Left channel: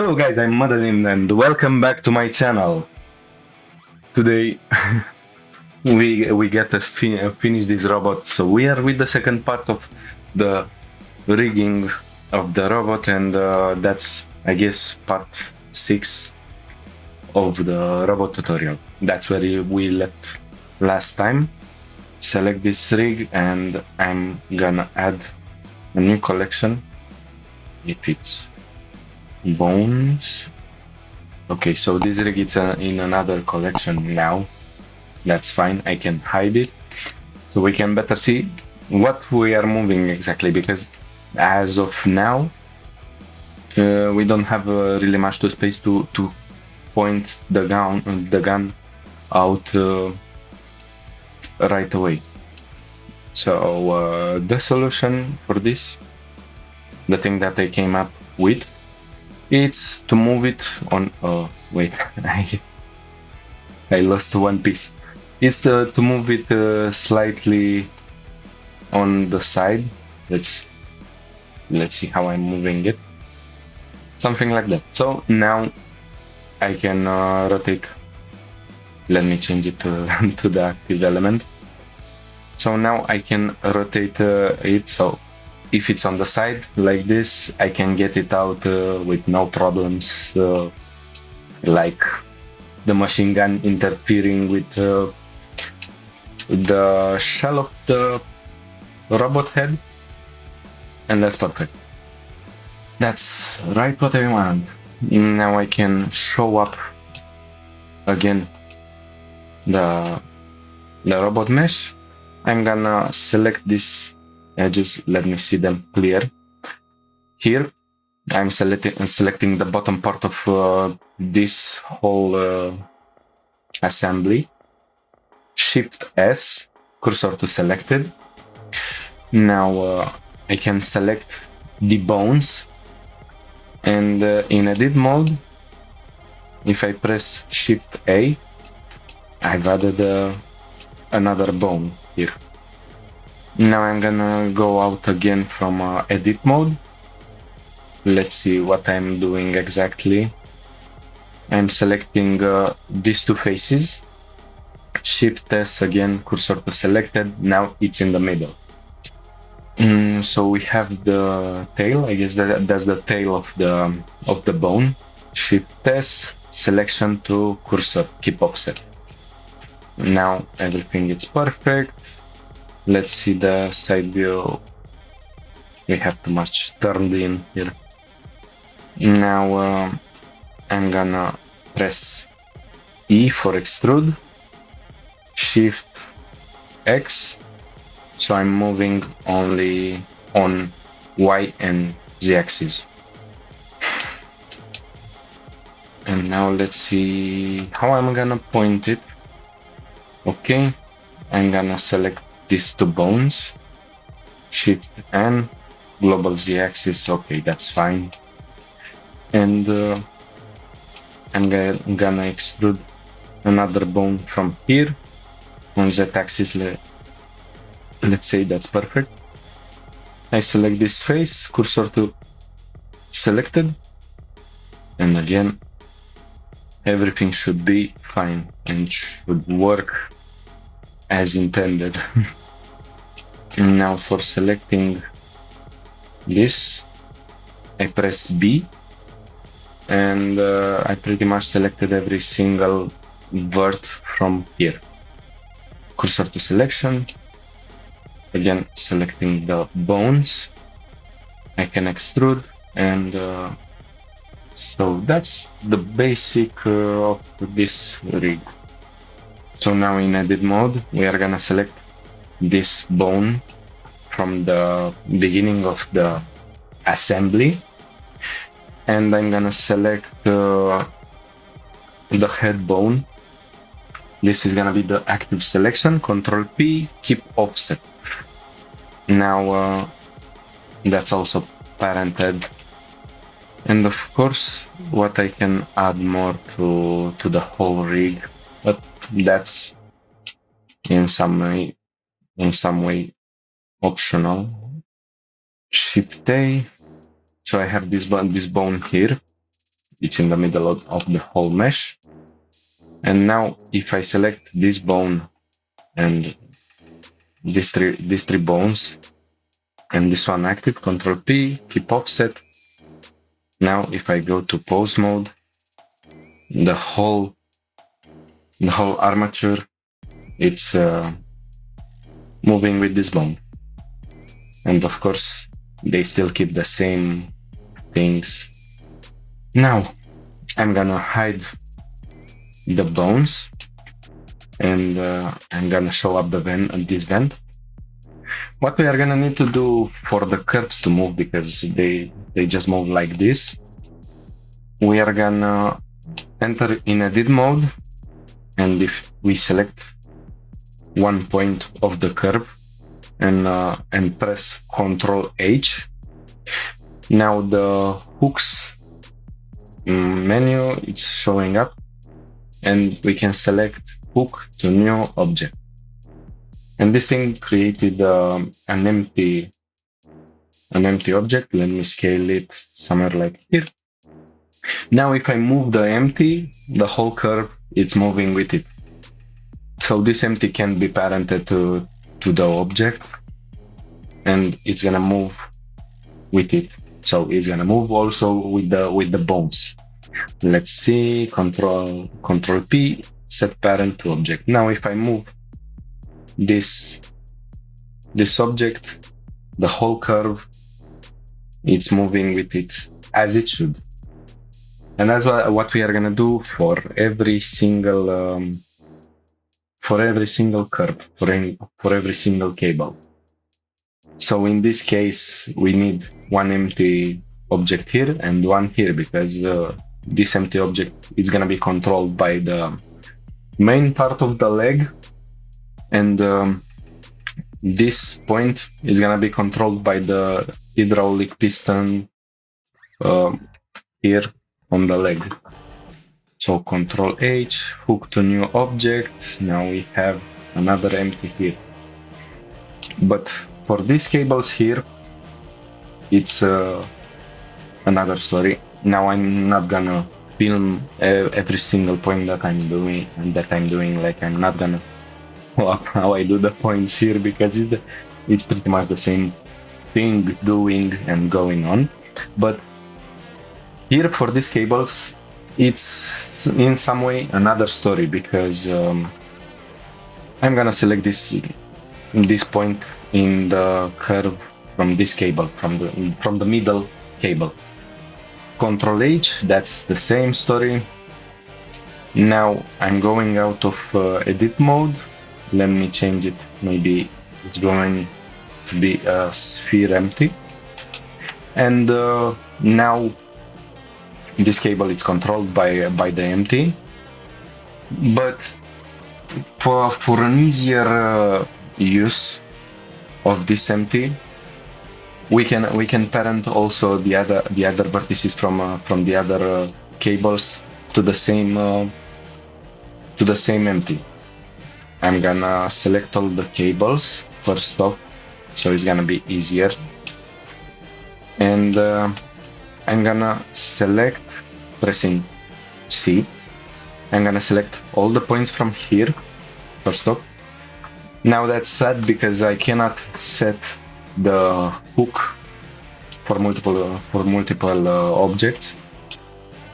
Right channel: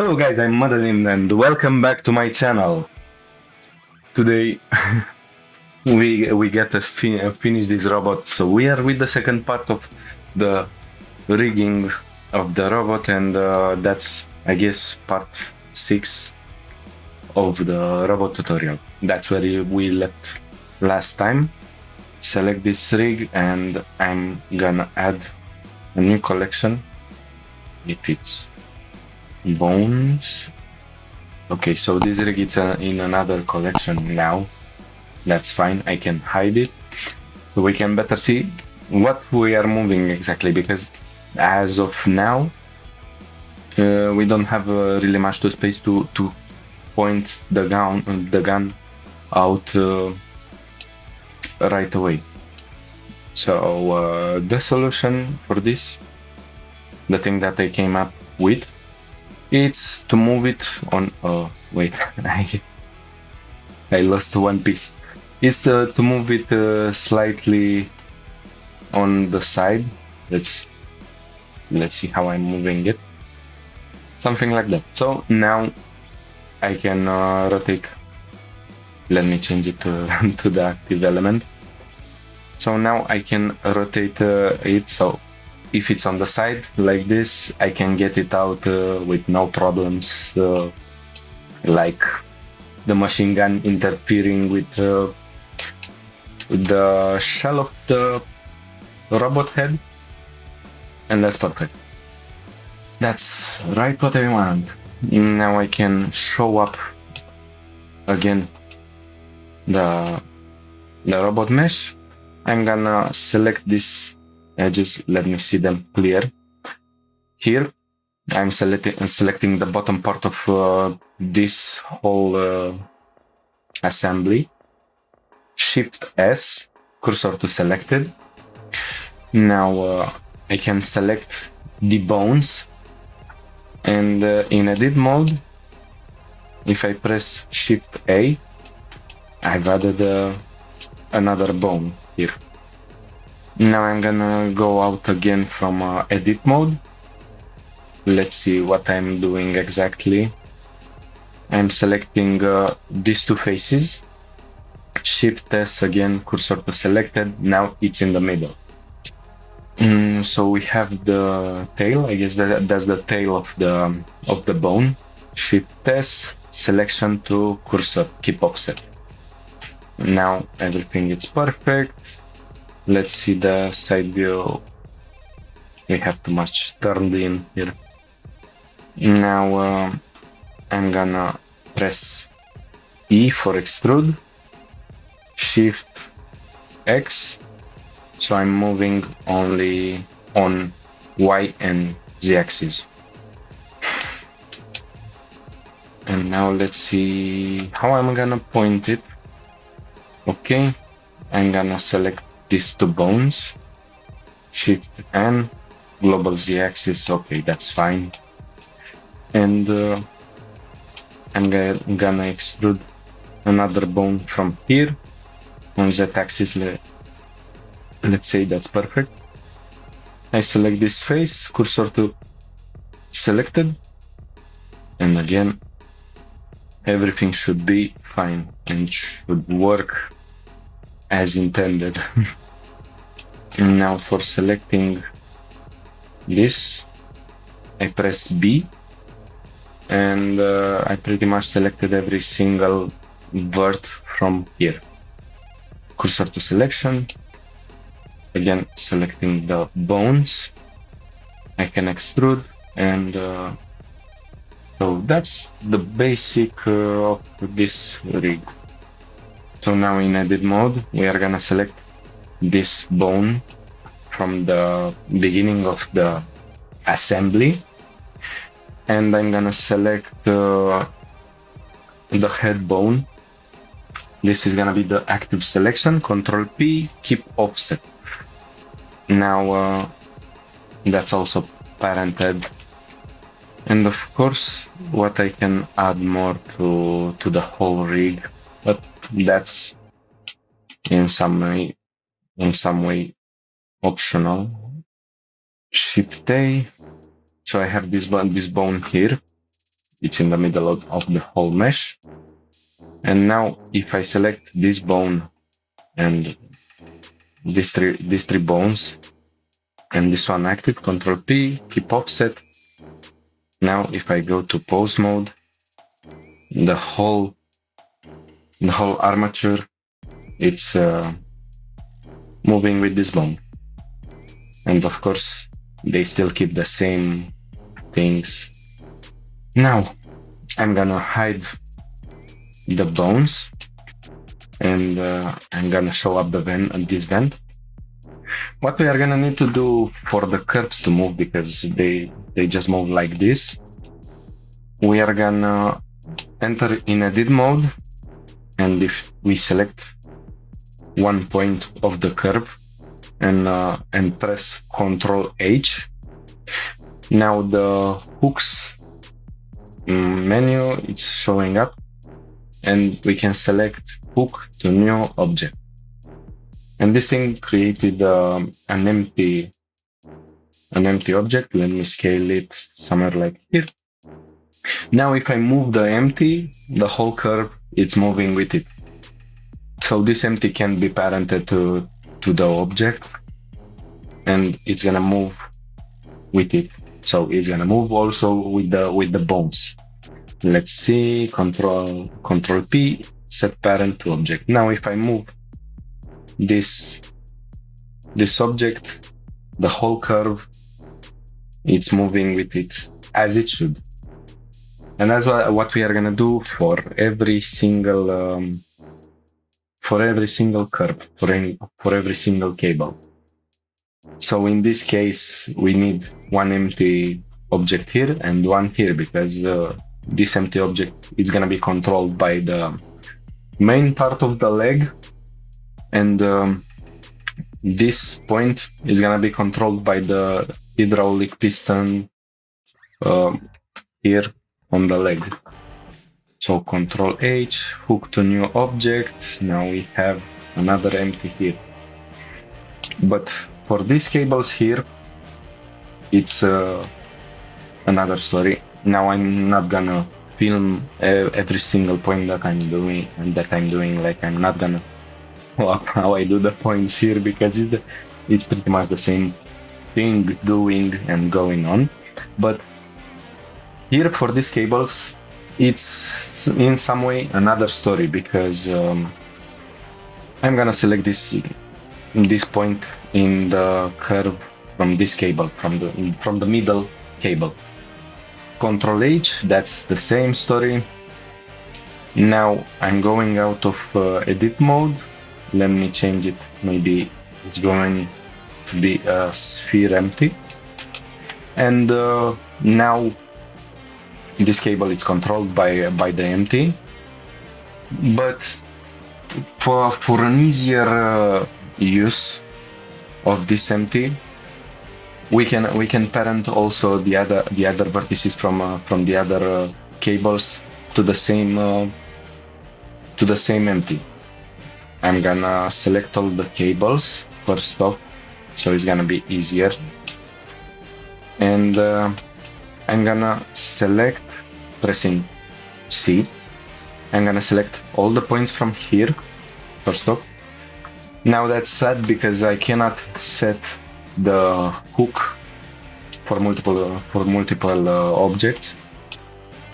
Hello guys, I'm Madeline and welcome back to my channel. Today we get to finish this robot, so we are with the second part of the rigging of the robot, and that's, I guess, part 6 of the robot tutorial. That's where we left last time. Select this rig and I'm gonna add a new collection. If it's bones. Okay, so this rig is in another collection now. That's fine, I can hide it so we can better see what we are moving exactly, because as of now we don't have really much space to point the gun out right away. So the solution for this, the thing that I came up with, it's to move it on. Wait, I lost one piece. It's to move it slightly on the side. Let's see how I'm moving it. Something like that. So now I can rotate. Let me change it to, to the active element. So now I can rotate it. So if it's on the side like this, I can get it out with no problems, like the machine gun interfering with the shell of the robot head, and that's perfect. That's right what I want. Now I can show up again the robot mesh. I'm gonna select these edges, let me see them clear. Here I'm selecting the bottom part of this whole assembly. Shift S, cursor to selected. Now I can select the bones, and in edit mode, if I press Shift A, I've added another bone here. Now I'm gonna go out again from edit mode. Let's see what I'm doing exactly. I'm selecting these two faces. Shift S again, cursor to selected. Now it's in the middle. So we have the tail. I guess that's the tail of the bone. Shift S, selection to cursor, keep offset. Now everything is perfect. Let's see the side view. We have too much turned in here. Now I'm gonna press E for extrude, Shift X, so I'm moving only on Y and Z axis. And now let's see how I'm gonna point it. Okay, I'm gonna select these two bones, Shift M, global Z axis. Okay, that's fine. And I'm gonna extrude another bone from here on Z axis. Let's say that's perfect. I select this face, cursor to selected, and again everything should be fine and should work as intended. And now for selecting this, I press B, and I pretty much selected every single vert from here. Cursor to selection, again selecting the bones. I can extrude, and so that's the basic of this rig. So now in edit mode, we are gonna select this bone from the beginning of the assembly, and I'm gonna select the head bone. This is gonna be the active selection. Control P, keep offset. Now that's also parented, and of course what I can add more to the whole rig, but that's in some way optional. Shift A, so I have this bone here. it's in the middle of the whole mesh. And now if I select this bone and these three bones and this one active, Control P, keep offset. Now if I go to pose mode, the whole armature, it's moving with this bone. And of course, they still keep the same things. Now I'm gonna hide the bones and I'm gonna show up the vent and this vent. What we are gonna need to do for the curves to move, because they just move like this, we are gonna enter in edit mode, and if we select one point of the curve and press Ctrl H, now the hooks menu, it's showing up, and we can select hook to new object. And this thing created an empty object. Let me scale it somewhere like here. Now if I move the empty, the whole curve, it's moving with it. So this empty can be parented to the object, and it's gonna move with it. So it's gonna move also with the bones. Let's see, Control P, set parent to object. Now if I move this object, the whole curve, it's moving with it as it should. And that's what we are gonna do for every single curve, for every single cable. So in this case, we need one empty object here and one here, because this empty object is gonna be controlled by the main part of the leg, and this point is gonna be controlled by the hydraulic piston here on the leg. So Control H, hook to new object. Now we have another empty here. But for these cables here, it's another story. Now I'm not gonna film every single point that I'm doing. Like, I'm not gonna walk how I do the points here, because it's pretty much the same thing doing and going on. But here for these cables, it's in some way another story, because I'm gonna select this point in the curve from this cable, from the middle cable. Control H, that's the same story. Now I'm going out of edit mode. Let me change it. Maybe it's going to be a sphere empty. And now this cable is controlled by the empty. But for an easier use of this empty, we can parent also the other vertices from the other cables to the same empty. I'm gonna select all the cables first off, so it's gonna be easier. And I'm gonna select, pressing C, I'm gonna select all the points from here first off. Now that's sad, because I cannot set the hook for multiple objects.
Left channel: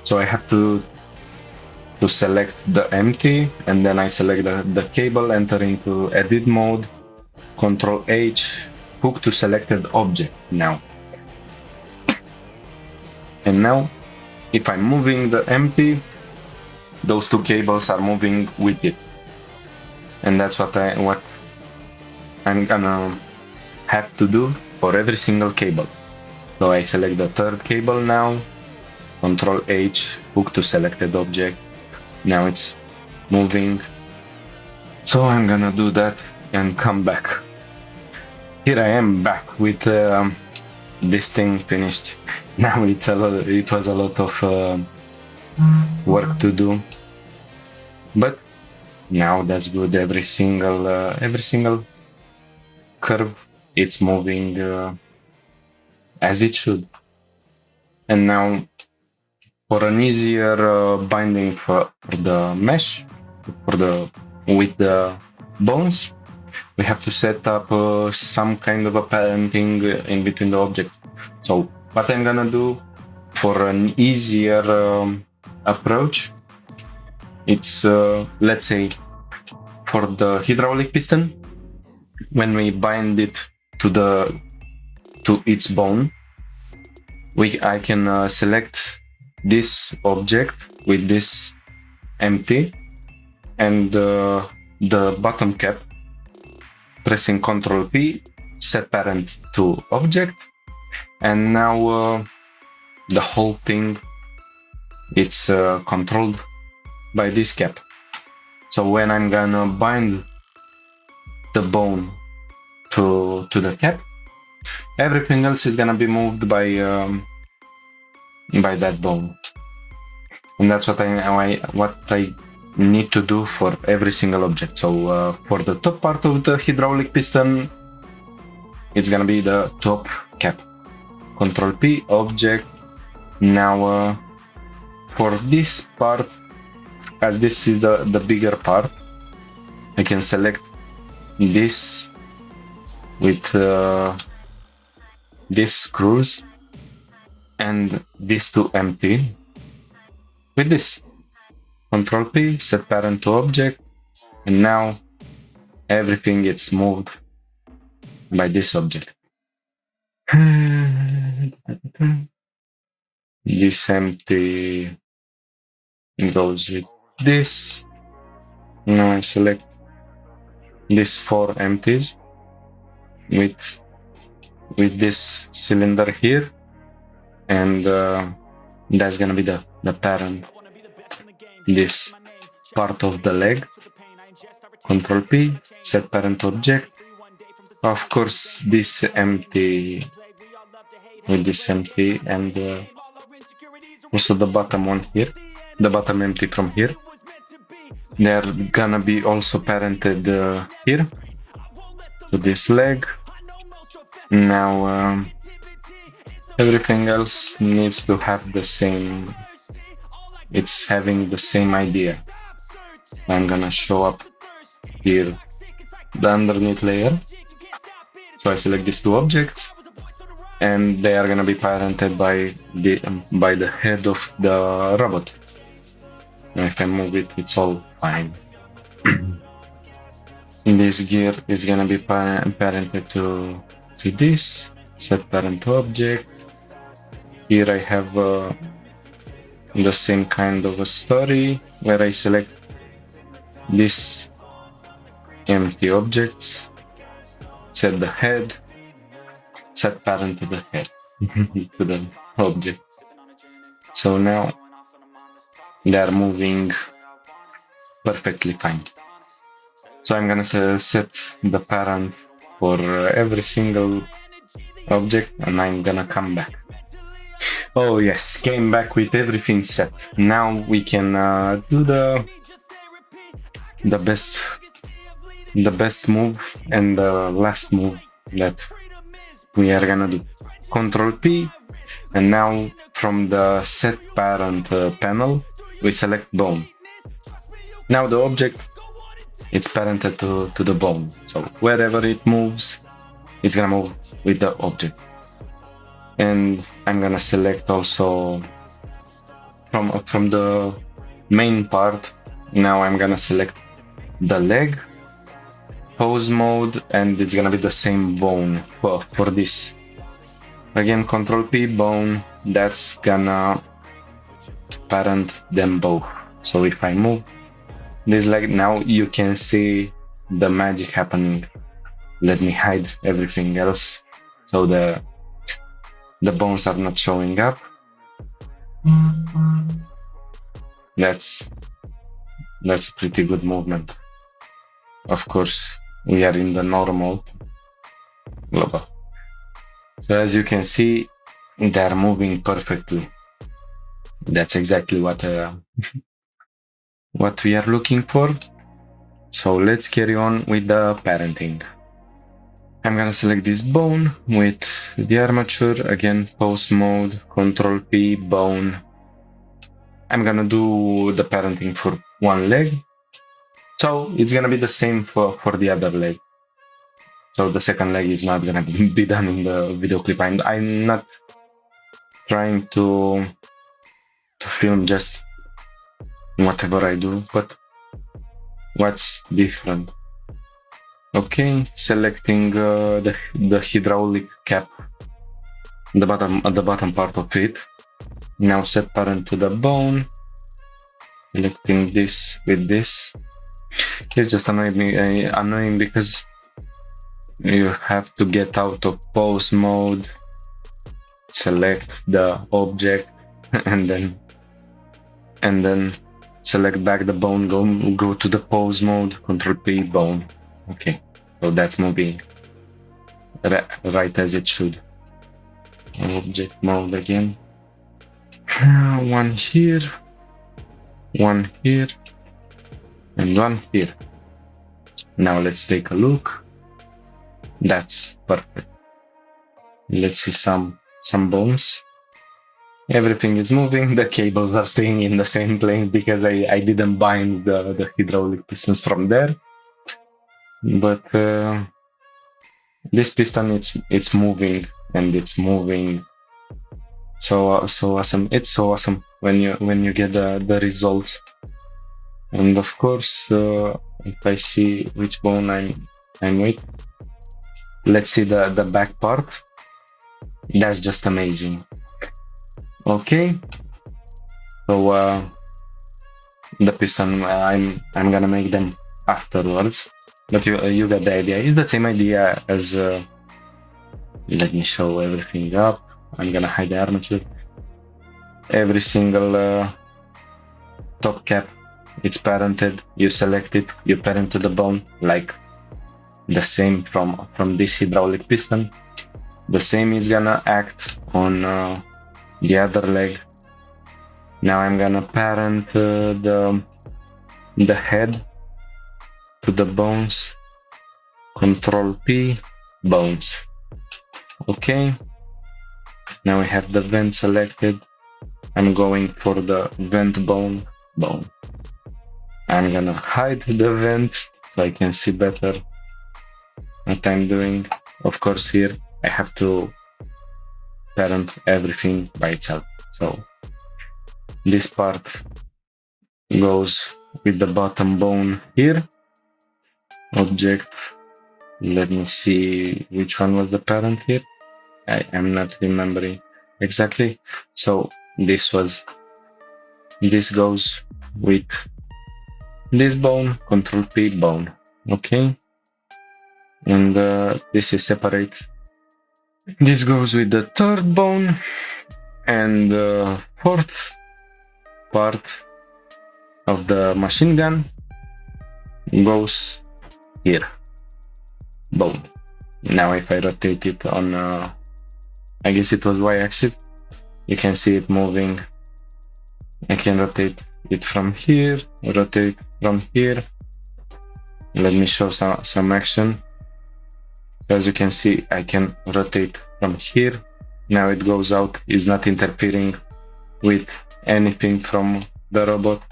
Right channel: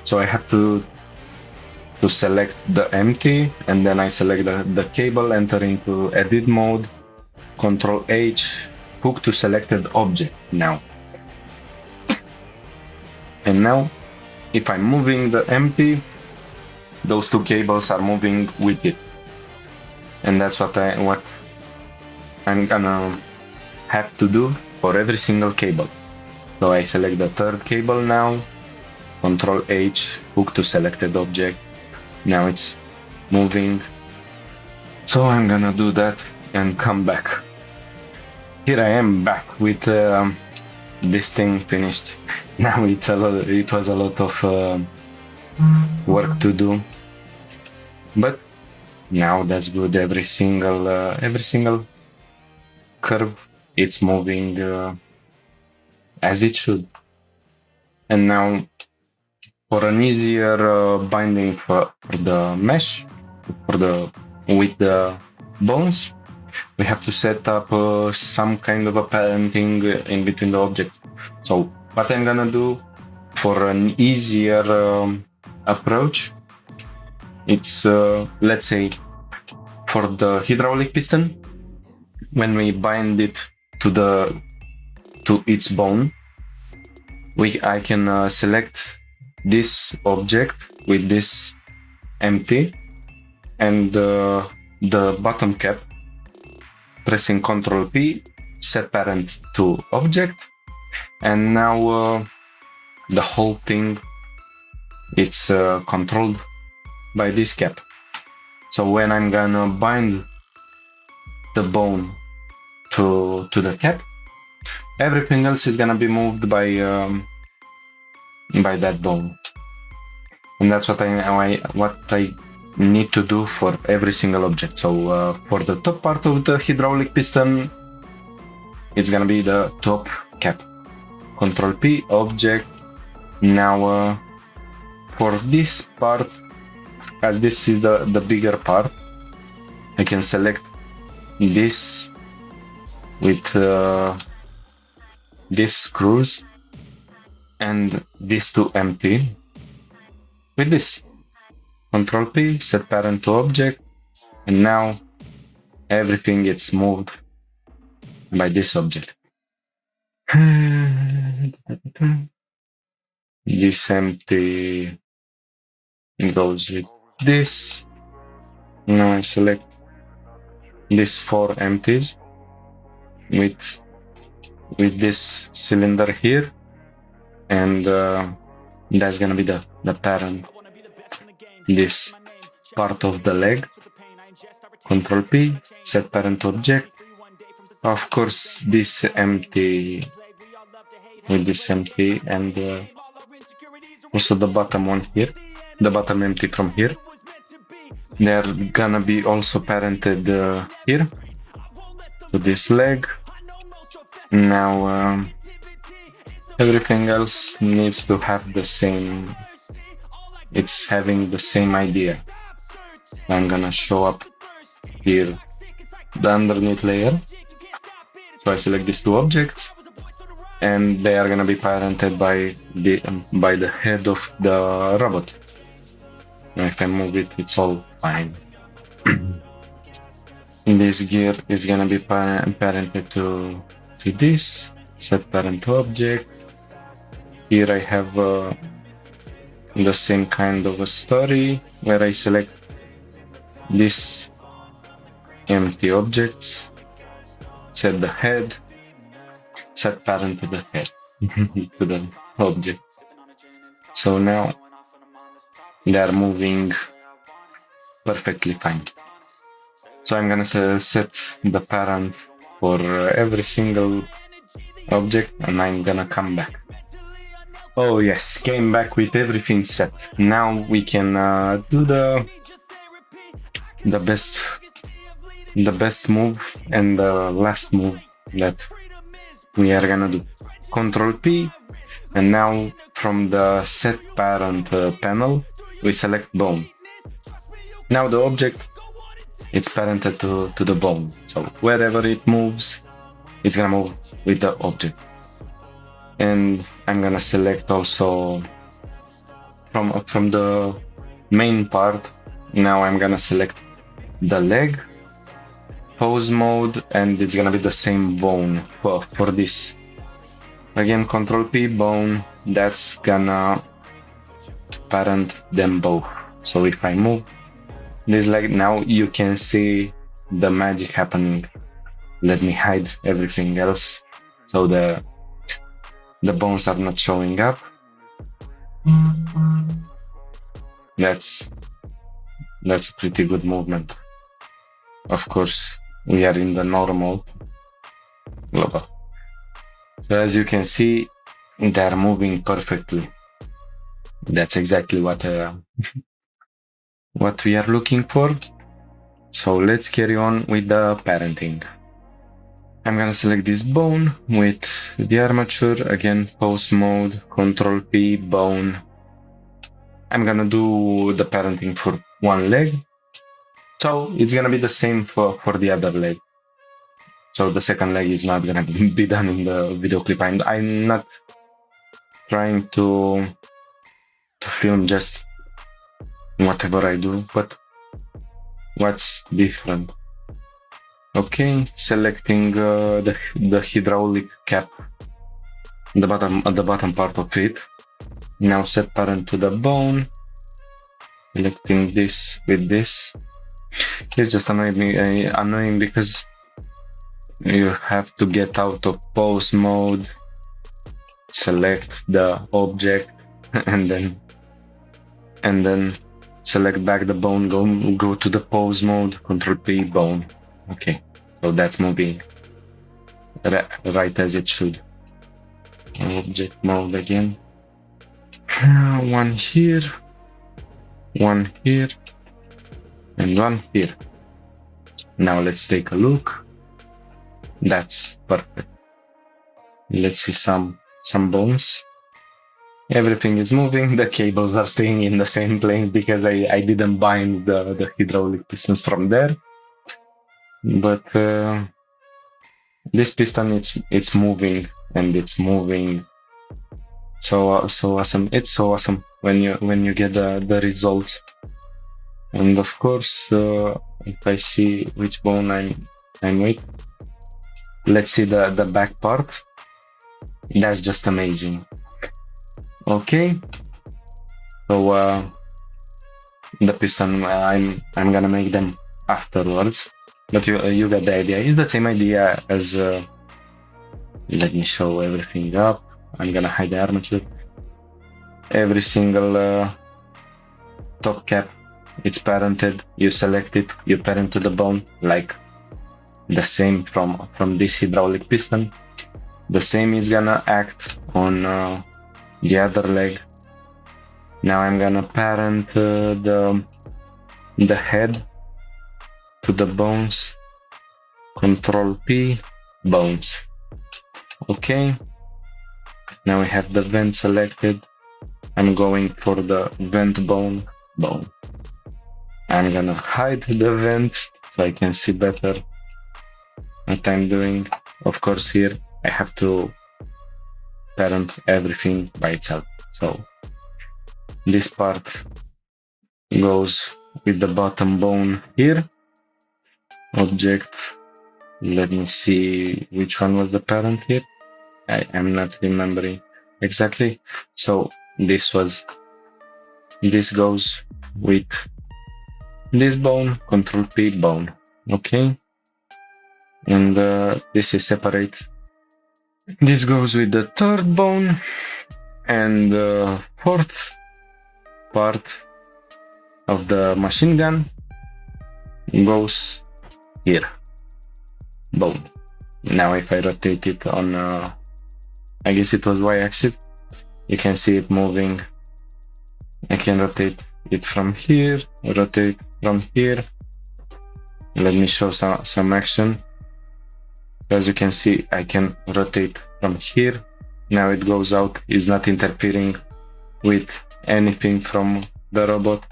So I have to select the empty, and then I select the cable, enter into edit mode, Control H, hook to selected object now. And now if I'm moving the empty, those two cables are moving with it. And that's what I'm gonna have to do for every single cable. So I select the third cable now, Control H, hook to selected object. Now it's moving. So I'm gonna do that and come back. Here I am back with this thing finished. Now it was a lot of work to do, but now that's good. Every single curve, it's moving as it should. And now For an easier binding for the mesh, with the bones, we have to set up some kind of a parenting in between the objects. So what I'm gonna do for an easier approach, it's let's say for the hydraulic piston, when we bind it to its bone, I can select this object with this empty and the bottom cap, pressing Ctrl P, set parent to object, and now the whole thing it's controlled by this cap. So when I'm gonna bind the bone to the cap, everything else is gonna be moved by that bone, and that's what I need to do for every single object. So for the top part of the hydraulic piston, it's gonna be the top cap. Ctrl P, object. Now for this part, as this is the bigger part, I can select this with these screws and these two empty with this. Ctrl P, set parent to object, and now everything gets moved by this object. This empty goes with this. Now I select these 4 empties with this cylinder here, and that's gonna be the parent, this part of the leg. Ctrl P, set parent object. Of course, this empty with this empty, and also the bottom one here, the bottom empty from here. They're gonna be also parented here to this leg. Now everything else needs to have the same, it's having the same idea. I'm gonna show up here the underneath layer. So I select these 2 objects, and they are gonna be parented by the head of the robot. Now if I move it, it's all fine. In this gear, it's gonna be parented to this, set parent to object. Here I have the same kind of a story, where I select these empty objects, set the head, set parent to the head, to the object. So now they are moving perfectly fine. So I'm gonna set the parent for every single object, and I'm gonna come back. Oh yes, came back with everything set. Now we can do the best move and the last move that we are gonna do. Ctrl P, and now from the set parent panel, we select bone. Now the object, it's parented to the bone. So wherever it moves, it's gonna move with the object. And I'm gonna select also from the main part. Now I'm gonna select the leg, pose mode, and it's gonna be the same bone for this. Again, Ctrl P, bone, that's gonna parent them both. So if I move this leg, now you can see the magic happening. Let me hide everything else so the bones are not showing up. That's a pretty good movement. Of course, we are in the normal level. So as you can see, they're moving perfectly. That's exactly what we are looking for. So let's carry on with the parenting. I'm gonna select this bone with the armature, again pose mode, Ctrl P, bone, I'm gonna do the parenting for one leg. So it's gonna be the same for the other leg. So the second leg is not gonna be done in the video clip. I'm not trying to film just whatever I do, but what's different. Okay, selecting the hydraulic cap, the bottom part of it. Now set parent to the bone. Selecting this with this. It's just annoying because you have to get out of pose mode, select the object, and then select back the bone, go to the pose mode, Control P, bone. Okay, so that's moving right as it should. Object mode again. One here, and one here. Now let's take a look. That's perfect. Let's see some bones. Everything is moving. The cables are staying in the same place because I didn't bind the hydraulic pistons from there. But this piston, it's moving, and it's moving so awesome. It's so awesome when you get the results. And of course, if I see which bone I'm with, let's see the back part. That's just amazing. Okay, so the piston, I'm gonna make them afterwards, but you got the idea. It's the same idea as let me show everything up. I'm gonna hide the armature. Every single top cap, it's parented. You select it, you parent to the bone, like the same from this hydraulic piston. The same is gonna act on the other leg. Now I'm gonna parent the head to the bones. Control P, bones. Okay. Now we have the vent selected. I'm going for the vent bone. I'm gonna hide the vent so I can see better what I'm doing. Of course, here I have to parent everything by itself. So this part goes with the bottom bone here. Object, let me see which one was the parent here. I am not remembering exactly. So this goes with this bone, Control P, bone. Okay, and this is separate. This goes with the third bone, and the fourth part of the machine gun goes here, bone. Now if I rotate it on, I guess it was y-axis, you can see it moving. I can rotate it from here, rotate from here. Let me show some action. As you can see, I can rotate from here. Now it goes out, it's not interfering with anything from the robot.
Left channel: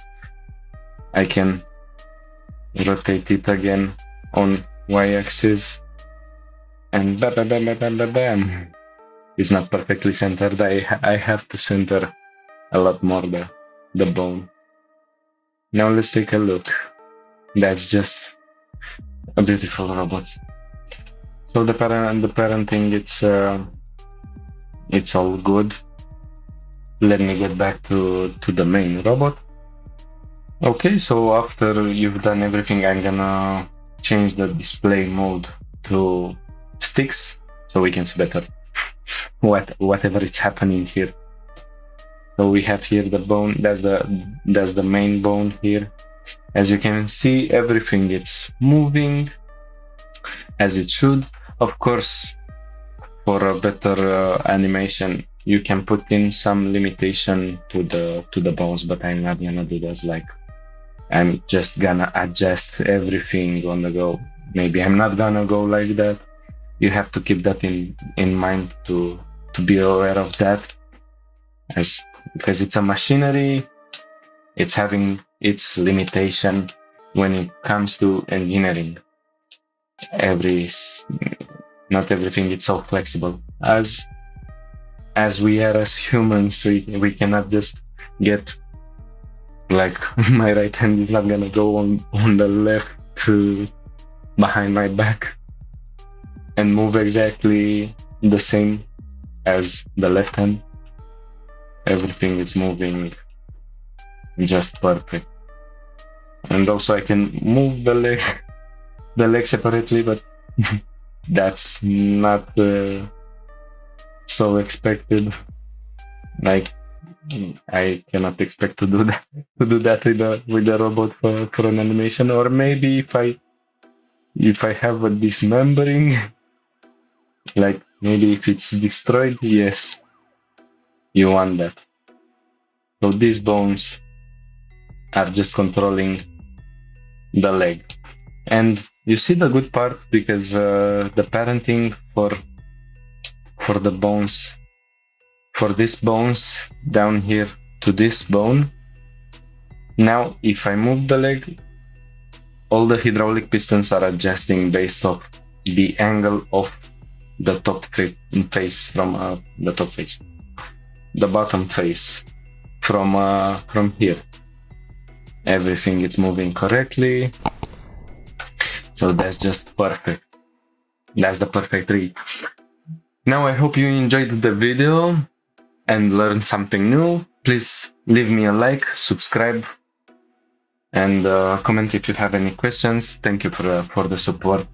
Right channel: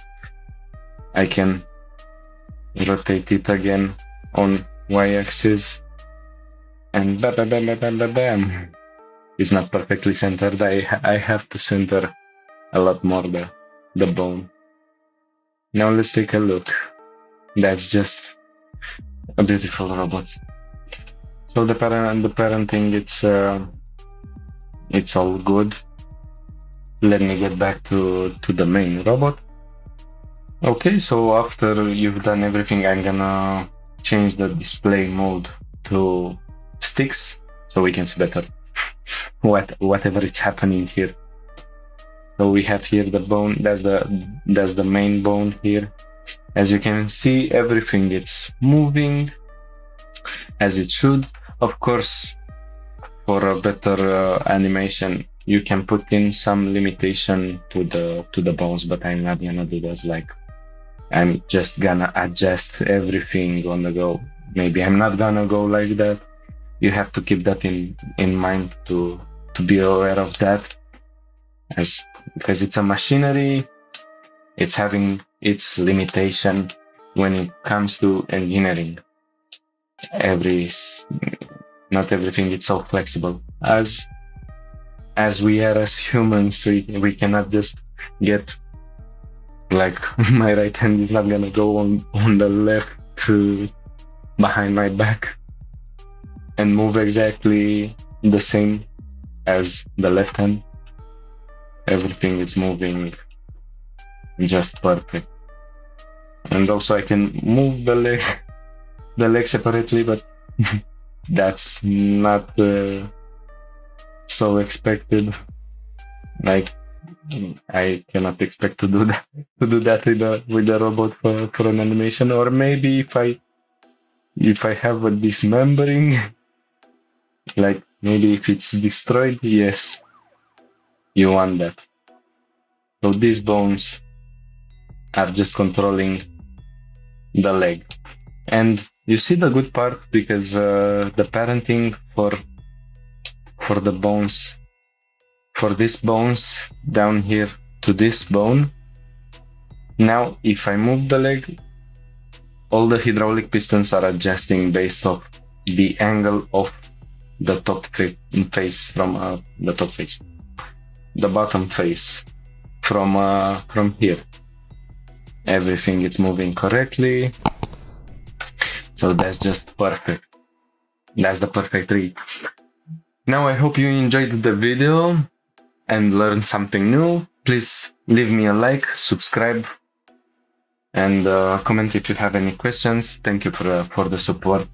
I can rotate it again on y-axis, and bam. It's not perfectly centered. I have to center a lot more the bone. Now let's take a look. That's just a beautiful robot. So the parenting, it's all good. Let me get back to the main robot. Okay, so after you've done everything, I'm gonna change the display mode to sticks so we can see better whatever is happening here. So we have here the bone. That's the main bone here. As you can see, everything it's moving as it should. Of course, for a better animation, you can put in some limitation to the bones, but I'm not gonna do that. Like, I'm just gonna adjust everything on the go. Maybe I'm not gonna go like that. You have to keep that in mind to be aware of that, because it's a machinery. it's having its limitation when it comes to engineering. Not everything is so flexible as we are as humans. We cannot just get like my right hand is not gonna go on the left to behind my back and move exactly the same as the left hand. Everything is moving just perfect. And also I can move the leg separately, but that's not so expected. Like I cannot expect to do that with a robot for an animation. Or maybe if I have a dismembering, like maybe if it's destroyed, yes, you want that. So these bones are just controlling the leg. And you see the good part, because the parenting for the bones, for these bones down here to this bone, now if I move the leg, all the hydraulic pistons are adjusting based off the angle of the top face from the bottom face from here. Everything is moving correctly. So that's just perfect. That's the perfect rig. Now I hope you enjoyed the video and learned something new. Please leave me a like, subscribe, and comment if you have any questions. Thank you for the support.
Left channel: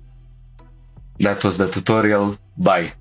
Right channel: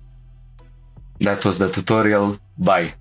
That was the tutorial. Bye.